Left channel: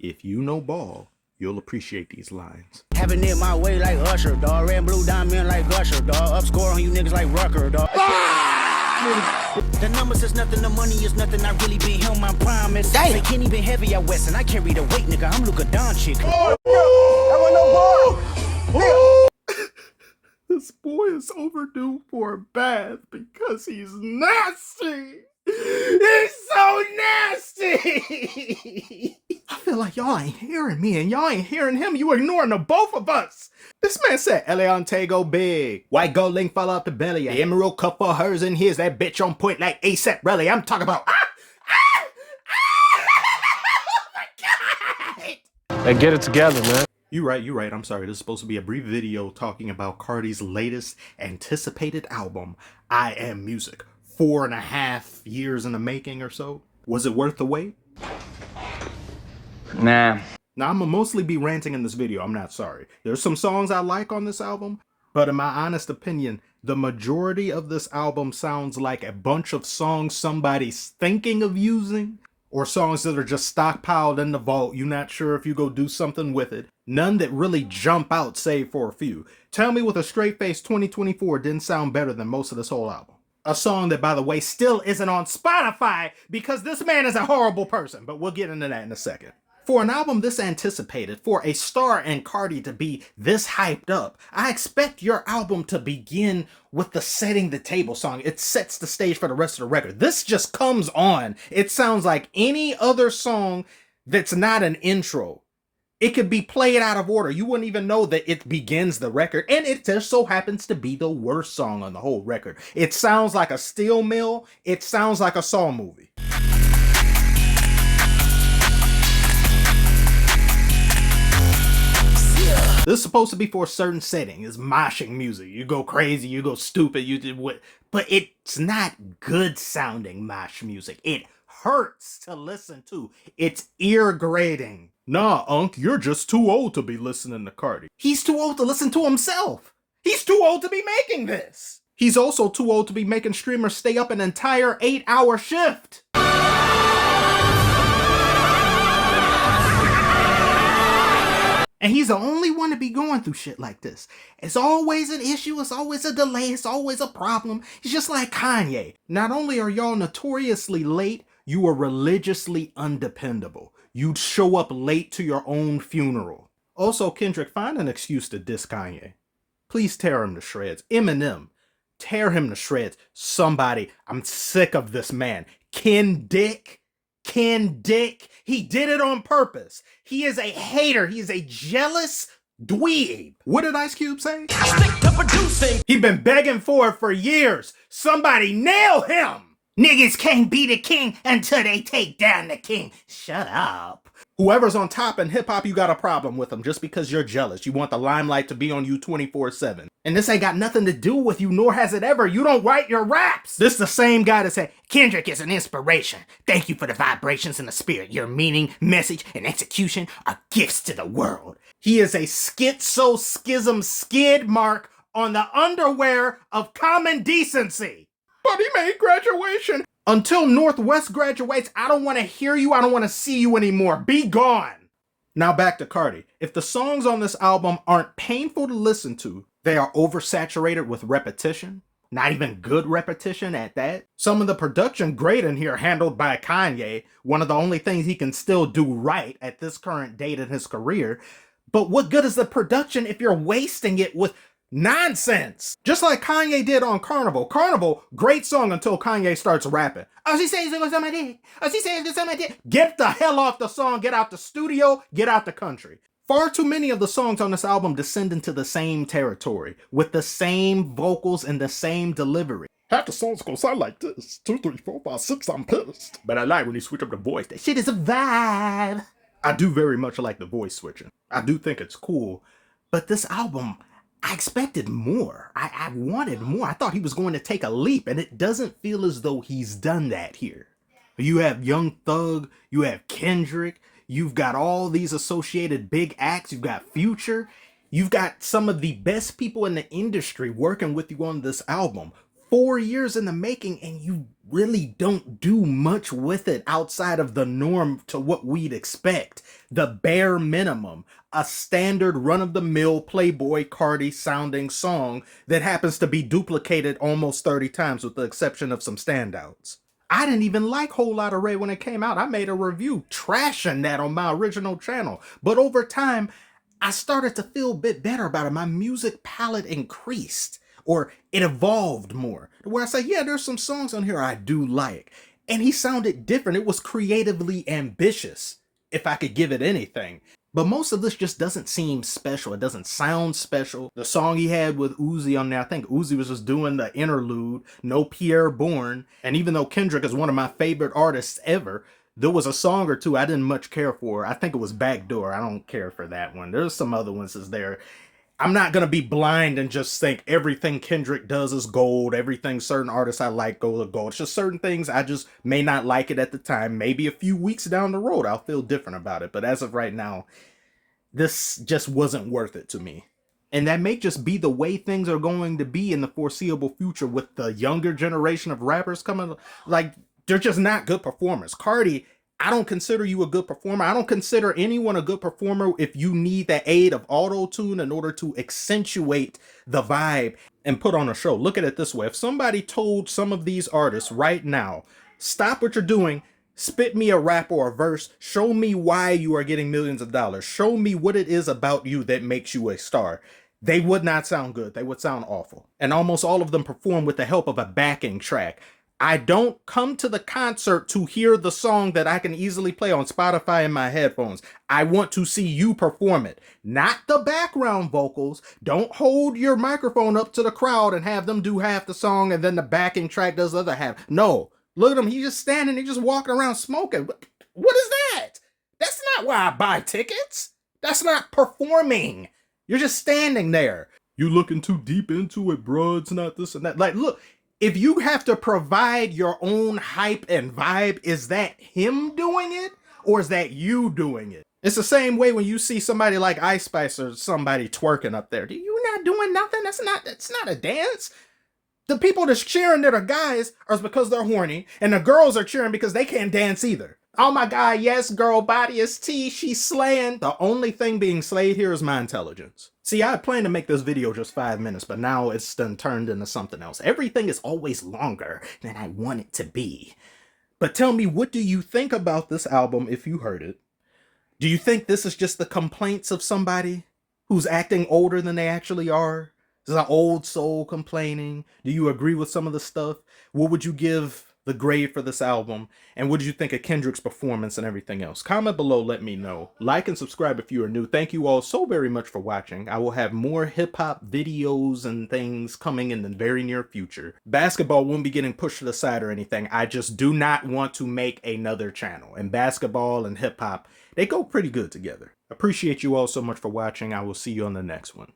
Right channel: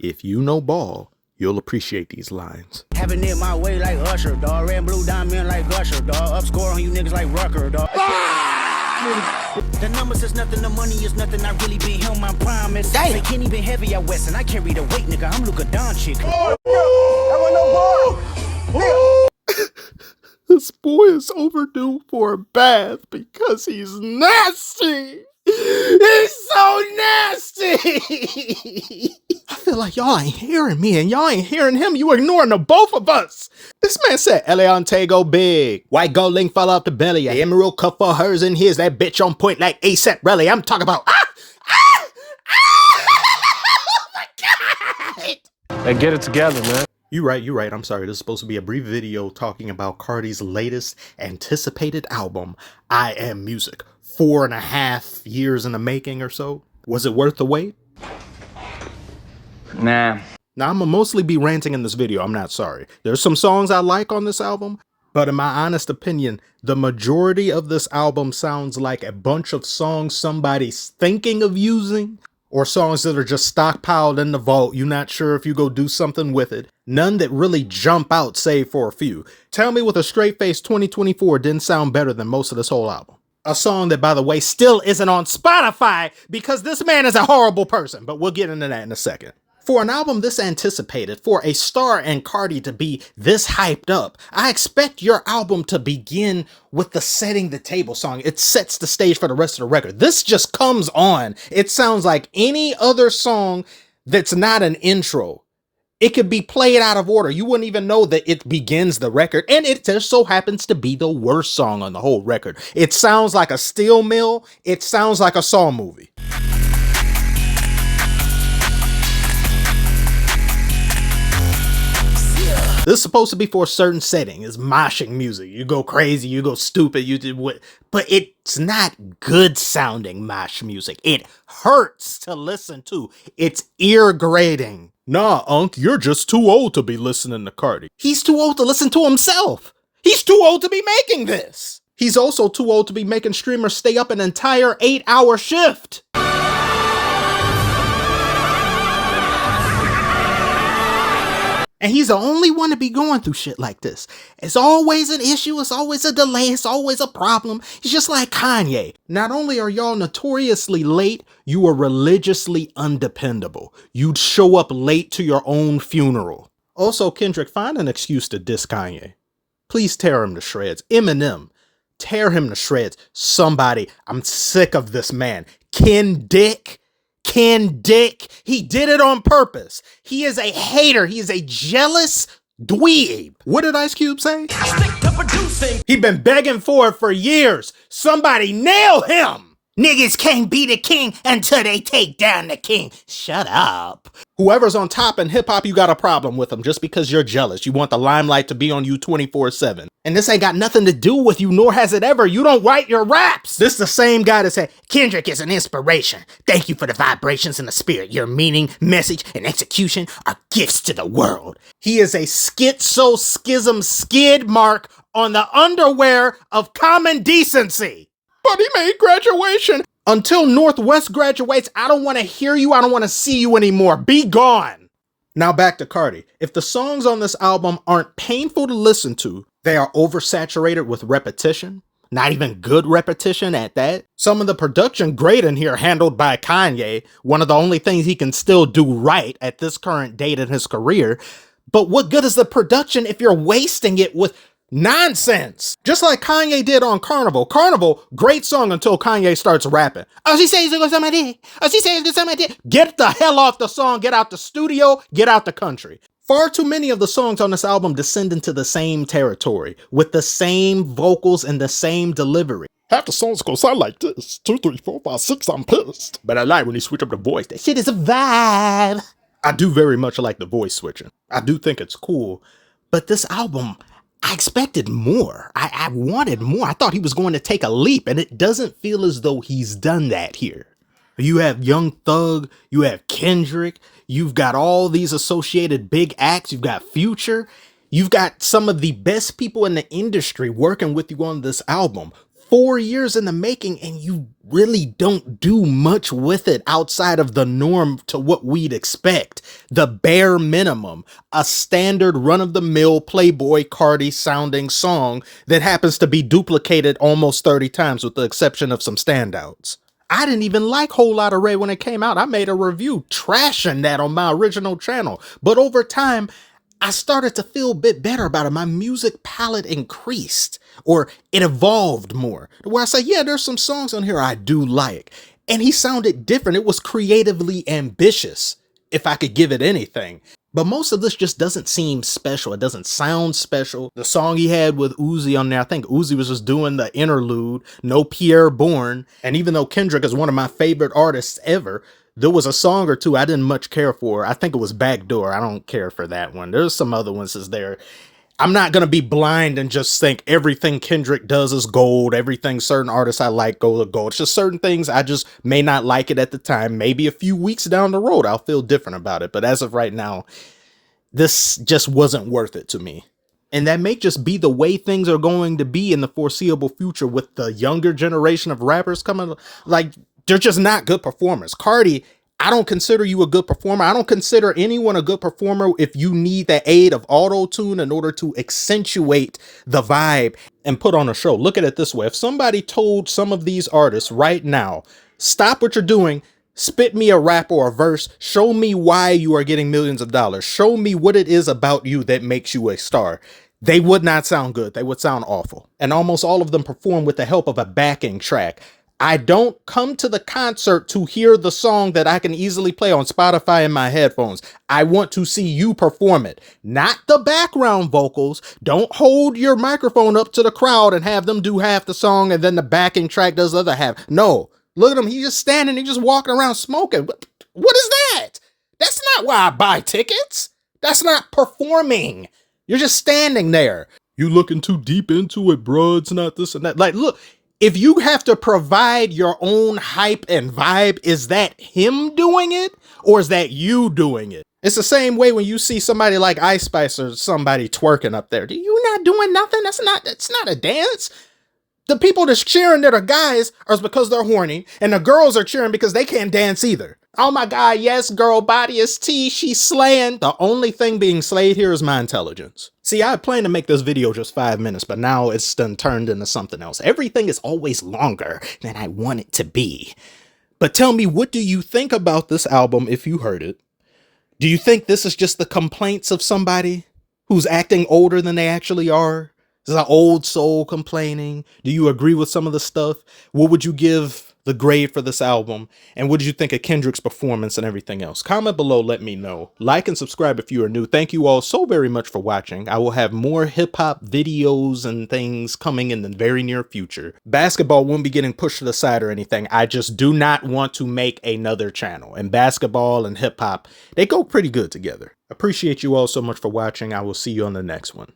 If you know ball, you'll appreciate these lines. Having it my way like Usher, dog. Red and blue diamond like Usher, dog. Up score on you niggas like Rucker, dog. The numbers is nothing, the money is nothing. I really been him, I promise. Damn. They can't even heavy out west, and I carry the weight, nigga. I'm Luka Doncic. This boy is overdue for a bath because he's nasty. He's so nasty. I feel like y'all ain't hearing me and y'all ain't hearing him. You ignoring the both of us. This man said Eliante go big. White gold link fell off the belly. The emerald cup for hers and his. That bitch on point like ASAP Rally. I'm talking about oh my God. Hey, get it together, man. You right. I'm sorry. This is supposed to be a brief video talking about Carti's latest anticipated album, I Am Music. 4.5 years in the making or so. Was it worth the wait? Nah. Now, I'm gonna mostly be ranting in this video. I'm not sorry. There's some songs I like on this album, but in my honest opinion, the majority of this album sounds like a bunch of songs somebody's thinking of using, or songs that are just stockpiled in the vault. You're not sure if you go do something with it. None that really jump out, save for a few. Tell me with a straight face 2024 didn't sound better than most of this whole album. A song that, by the way, still isn't on Spotify because this man is a horrible person, but we'll get into that in a second. For an album this anticipated, for a star and Carti to be this hyped up, I expect your album to begin with the setting the table song. It sets the stage for the rest of the record. This just comes on. It sounds like any other song that's not an intro. It could be played out of order. You wouldn't even know that it begins the record. And it just so happens to be the worst song on the whole record. It sounds like a steel mill. It sounds like a Saw movie. This is supposed to be for a certain setting. It's moshing music. You go crazy, you go stupid, you did what, but it's not good sounding mosh music. It hurts to listen to. It's ear grating. Nah, Unc, you're just too old to be listening to Carti. He's too old to listen to himself. He's too old to be making this. He's also too old to be making streamers stay up an entire 8-hour shift. And he's the only one to be going through shit like this. It's always an issue, it's always a delay, it's always a problem. He's just like Kanye. Not only are y'all notoriously late, you are religiously undependable. You'd show up late to your own funeral. Also, Kendrick, find an excuse to diss Kanye. Please tear him to shreds. Eminem, tear him to shreds. Somebody, I'm sick of this man. Ken Dick, he did it on purpose. He is a hater. He is a jealous dweeb. What did Ice Cube say? He been begging for it for years. Somebody nail him. Niggas can't be the king until they take down the king. Shut up. Whoever's on top in hip hop, you got a problem with them just because you're jealous. You want the limelight to be on you 24/7. And this ain't got nothing to do with you, nor has it ever. You don't write your raps. This is the same guy that said, Kendrick is an inspiration. Thank you for the vibrations and the spirit. Your meaning, message, and execution are gifts to the world. He is a schizo-schism skid mark on the underwear of common decency. But he made graduation. Until Northwest graduates, I don't want to hear you. I don't want to see you anymore. Be gone. Now back to Carti. If the songs on this album aren't painful to listen to, they are oversaturated with repetition. Not even good repetition at that. Some of the production great in here handled by Kanye. One of the only things he can still do right at this current date in his career. But what good is the production if you're wasting it with nonsense? Just like Kanye did on Carnival. Carnival, great song until Kanye starts rapping. Oh, she says it's gonna suck my dick. Oh, she says it's gonna suck my dick. Get the hell off the song. Get out the studio. Get out the country. Far too many of the songs on this album descend into the same territory, with the same vocals and the same delivery. Half the songs gonna sound like this. 2, 3, 4, 5, 6, I'm pissed. But I like when he switch up the voice. That shit is a vibe. I do very much like the voice switching. I do think it's cool. But this album, I expected more. I wanted more. I thought he was going to take a leap, and it doesn't feel as though he's done that here. You have Young Thug, you have Kendrick, you've got all these associated big acts, you've got Future, you've got some of the best people in the industry working with you on this album. 4 years in the making and you really don't do much with it outside of the norm to what we'd expect. The bare minimum, a standard run-of-the-mill Playboi Carti sounding song that happens to be duplicated almost 30 times with the exception of some standouts. I didn't even like Whole Lotta Ray when it came out. I made a review trashing that on my original channel. But over time, I started to feel a bit better about it. My music palette increased, or it evolved more, where I say, yeah, there's some songs on here I do like. And he sounded different. It was creatively ambitious, if I could give it anything. But most of this just doesn't seem special. It doesn't sound special. The song he had with Uzi on there, I think Uzi was just doing the interlude, no Pierre Bourne. And even though Kendrick is one of my favorite artists ever, there was a song or two I didn't much care for. I think it was Backdoor. I don't care for that one. There's some other ones that's there. I'm not going to be blind and just think everything Kendrick does is gold. Everything certain artists I like go to gold. It's just certain things I just may not like it at the time. Maybe a few weeks down the road, I'll feel different about it. But as of right now, this just wasn't worth it to me. And that may just be the way things are going to be in the foreseeable future with the younger generation of rappers coming. Like, they're just not good performers. Carti, I don't consider you a good performer. I don't consider anyone a good performer if you need the aid of auto-tune in order to accentuate the vibe and put on a show. Look at it this way. If somebody told some of these artists right now, stop what you're doing, spit me a rap or a verse, show me why you are getting millions of dollars, show me what it is about you that makes you a star, they would not sound good. They would sound awful. And almost all of them perform with the help of a backing track. I don't come to the concert to hear the song that I can easily play on Spotify in my headphones. I want to see you perform it, not the background vocals. Don't hold your microphone up to the crowd and have them do half the song and then the backing track does the other half. No, look at him. He's just standing, he's just walking around smoking. What is that? That's not why I buy tickets. That's not performing. You're just standing there. You looking too deep into it, bro. It's not this and that. Like, look. If you have to provide your own hype and vibe, is that him doing it or is that you doing it? It's the same way when you see somebody like Ice Spice or somebody twerking up there. You not doing nothing? That's not a dance. The people that's cheering that are guys are because they're horny, and the girls are cheering because they can't dance either. Oh my God, yes, girl body is tea, she's slaying. The only thing being slayed here is my intelligence. See, I planned to make this video just 5 minutes, but now it's done turned into something else. Everything is always longer than I want it to be. But tell me, what do you think about this album if you heard it? Do you think this is just the complaints of somebody who's acting older than they actually are? This is an old soul complaining. Do you agree with some of the stuff? What would you give the grade for this album? And what did you think of Kendrick's performance and everything else? Comment below, let me know. Like and subscribe if you are new. Thank you all so very much for watching. I will have more hip-hop videos and things coming in the very near future. Basketball won't be getting pushed to the side or anything. I just do not want to make another channel. And basketball and hip-hop, they go pretty good together. Appreciate you all so much for watching. I will see you on the next one.